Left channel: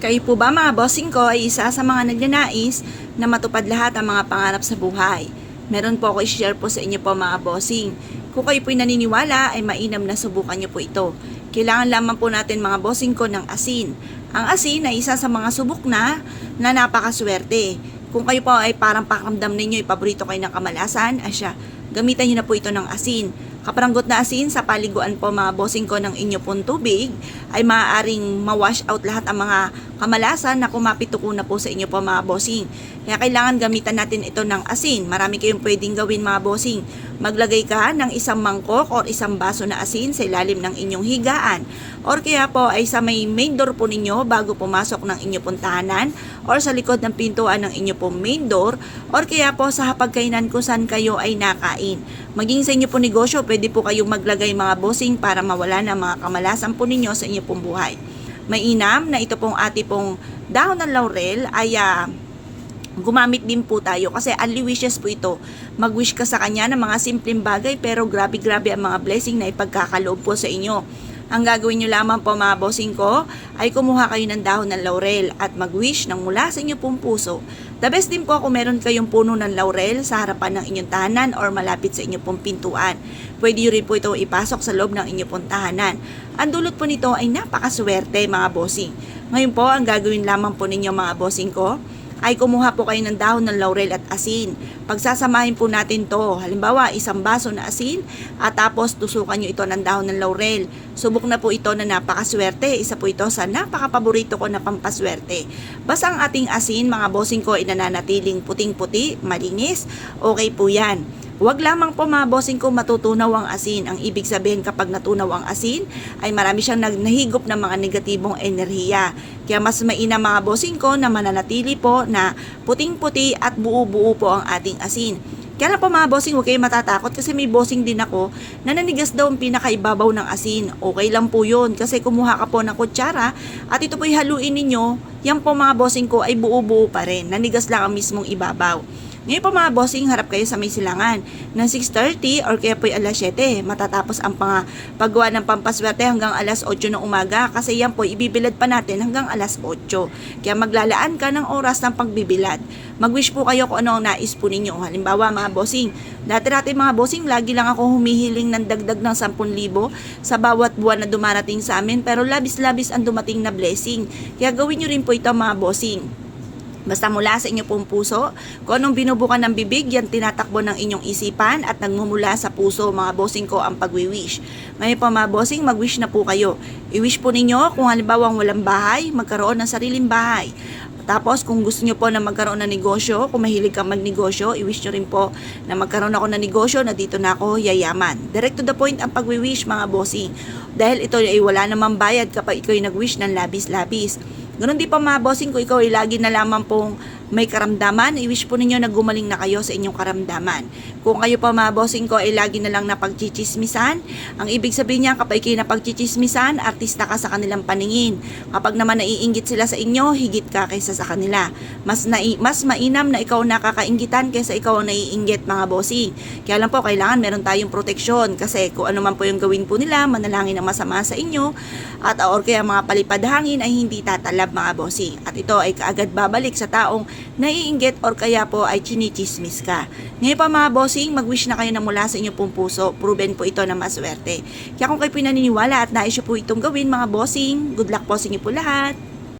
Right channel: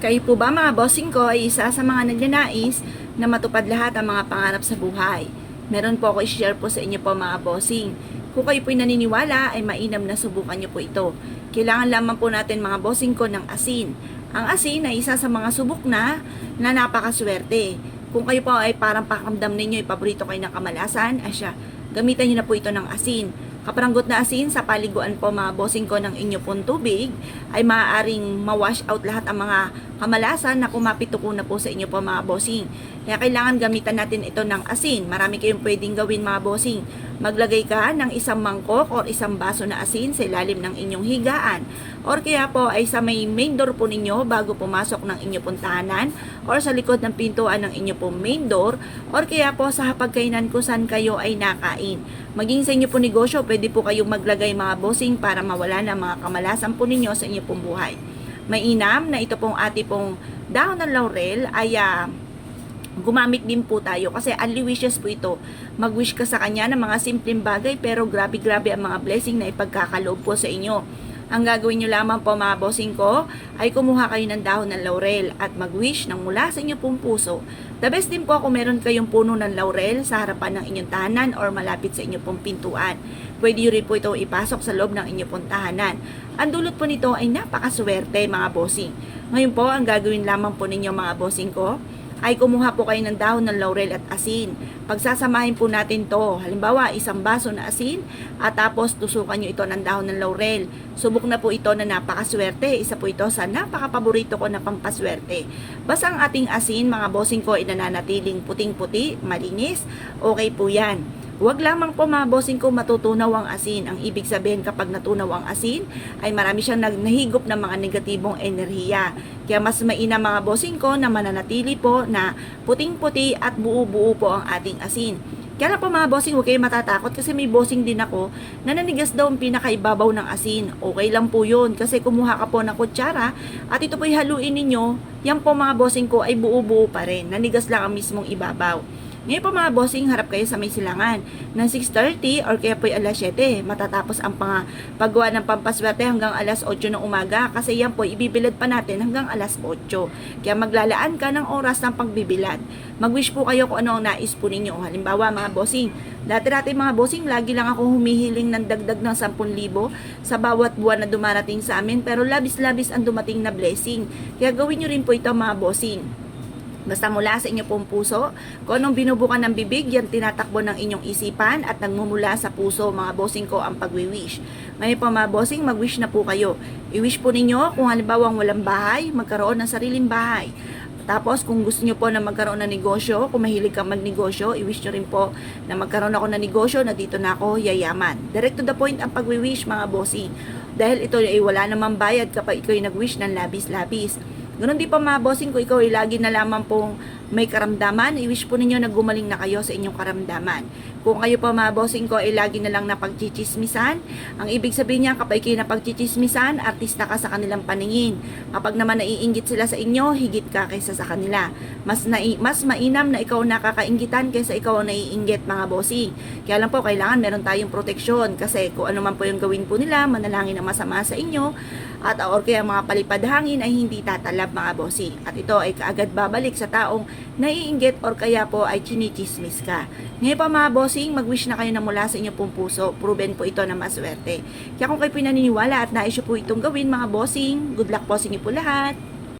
Kayo po ba mga bossing ko ay isa sa mga nagnanais na matupad lahat ang mga pangarap sa buhay? Meron po ako i-share po sa inyo po mga bossing. Kung kayo po'y naniniwala ay mainam na subukan niyo po ito. Kailangan lamang po natin mga bossing ko ng asin. Ang asin ay isa sa mga subok na na napakaswerte. Kung kayo po ay parang pakiramdam ninyo, ay paborito kayo ng kamalasan, asya, gamitan niyo na po ito ng asin. Kaparanggot na asin sa paliguan po mga bossing ko ng inyo pong tubig ay maaaring ma-wash out lahat ang mga kamalasan na kumapituko na po sa inyo po mga bossing. Kaya kailangan gamitan natin ito ng asin. Marami kayong pwedeng gawin mga bossing. Maglagay ka ng isang mangkok o isang baso na asin sa ilalim ng inyong higaan. Or kaya po ay sa may main door po ninyo bago pumasok ng inyo pong tahanan or sa likod ng pintuan ng inyo pong main door or kaya po sa hapagkainan kung saan kayo ay nakain. Maging sa inyo po negosyo, pwede po kayong maglagay mga bossing para mawala na mga kamalasan po ninyo sa inyo pong buhay. Mainam na ito pong ati pong dahon ng laurel ay ah, gumamit din po tayo kasi only wishes po ito. Mag-wish ka sa kanya ng mga simpleng bagay pero grabe-grabe ang mga blessing na ipagkakaloob po sa inyo. Ang gagawin nyo lamang po mga bossing ko ay kumuha kayo ng dahon ng laurel at mag-wish ng mula sa inyo pong puso. The best din po kung meron kayong puno ng laurel sa harapan ng inyong tahanan or malapit sa inyong pong pintuan. Pwede rin po ito ipasok sa loob ng inyong pong tahanan. Ang dulot po nito ay napakaswerte mga bossing. Ngayon po, ang gagawin lamang po ninyo mga bossing ko ay kumuha po kayo ng dahon ng laurel at asin. Pagsasamahin po natin to, halimbawa isang baso na asin at tapos tusukan nyo ito ng dahon ng laurel. Subok na po ito na napakaswerte. Isa po ito sa napakapaborito ko na pampaswerte. Basta ang ating asin, mga bossing ko, ay nananatiling puting-puti, malinis, okay po yan. Huwag lamang po mga bossing ko matutunaw ang asin. Ang ibig sabihin kapag natunaw ang asin, ay marami siyang nahigop ng mga negatibong enerhiya. Kaya mas mainam mga bossing ko na mananatili po na puting-puti at buo-buo po ang ating asin. Kaya lang po mga bossing, huwag kayong matatakot kasi may bossing din ako na nanigas daw ang pinakaibabaw ng asin. Okay lang po yun kasi kumuha ka po ng kutsara at ito po'y haluin ninyo, yan po mga bossing ko ay buo-buo pa rin. Nanigas lang ang mismong ibabaw. Ngayon po mga bossing, harap kayo sa may silangan ng 6.30 or kaya po alas 7. Matatapos ang pang paggawa ng pampaswerte hanggang alas 8 ng umaga kasi yan po ibibilad pa natin hanggang alas 8. Kaya maglalaan ka ng oras ng pagbibilad. Mag-wish po kayo kung ano ang nais po ninyo. Halimbawa mga bossing, dati-dati mga bossing, lagi lang ako humihiling ng dagdag ng 10,000 sa bawat buwan na dumarating sa amin pero labis-labis ang dumating na blessing. Kaya gawin nyo rin po ito mga bossing. Basta mula sa inyo pong puso, kung anong binubukan ng bibig, yan tinatakbo ng inyong isipan at nagmumula sa puso, mga bossing ko, ang pagwi-wish. Ngayon po mga bossing, mag-wish na po kayo. I-wish po ninyo kung halimbawa walang bahay, magkaroon ng sariling bahay. Tapos kung gusto nyo po na magkaroon ng negosyo, kung mahilig kang magnegosyo, i-wish nyo rin po na magkaroon ako ng negosyo na dito na ako yayaman. Direct to the point ang pagwi-wish mga bossing. Dahil ito ay wala namang bayad kapag ikaw nag-wish ng labis-labis. Ganon din pa mga bossing ko, ikaw ay lagi na lamang pong may karamdaman, i-wish po ninyo na gumaling na kayo sa inyong karamdaman. Kung kayo pa mga bossing ko ay lagi na lang napagchichismisan, ang ibig sabihin niya kapag kayo napagchichismisan, artista ka sa kanilang paningin. Kapag naman naiinggit sila sa inyo, higit ka kaysa sa kanila. Mas, nai, mas mainam na ikaw nakakainggitan kaysa ikaw ang naiinggit mga bossing. Kaya lang po, kailangan meron tayong proteksyon kasi kung ano man po yung gawin po nila, manalangin ang masama sa inyo, at or kaya mga palipad hangin ay hindi tatalab mga bossing. At ito ay kaagad babalik sa taong naiinggit or kaya po ay chinichismis ka. Ngayon pa mga bossing, mag-wish na kayo na mula sa inyo pong puso. Proven po ito na maswerte. Kaya kung kayo pinaniniwala at nais po itong gawin mga bossing, good luck po sa inyo po lahat.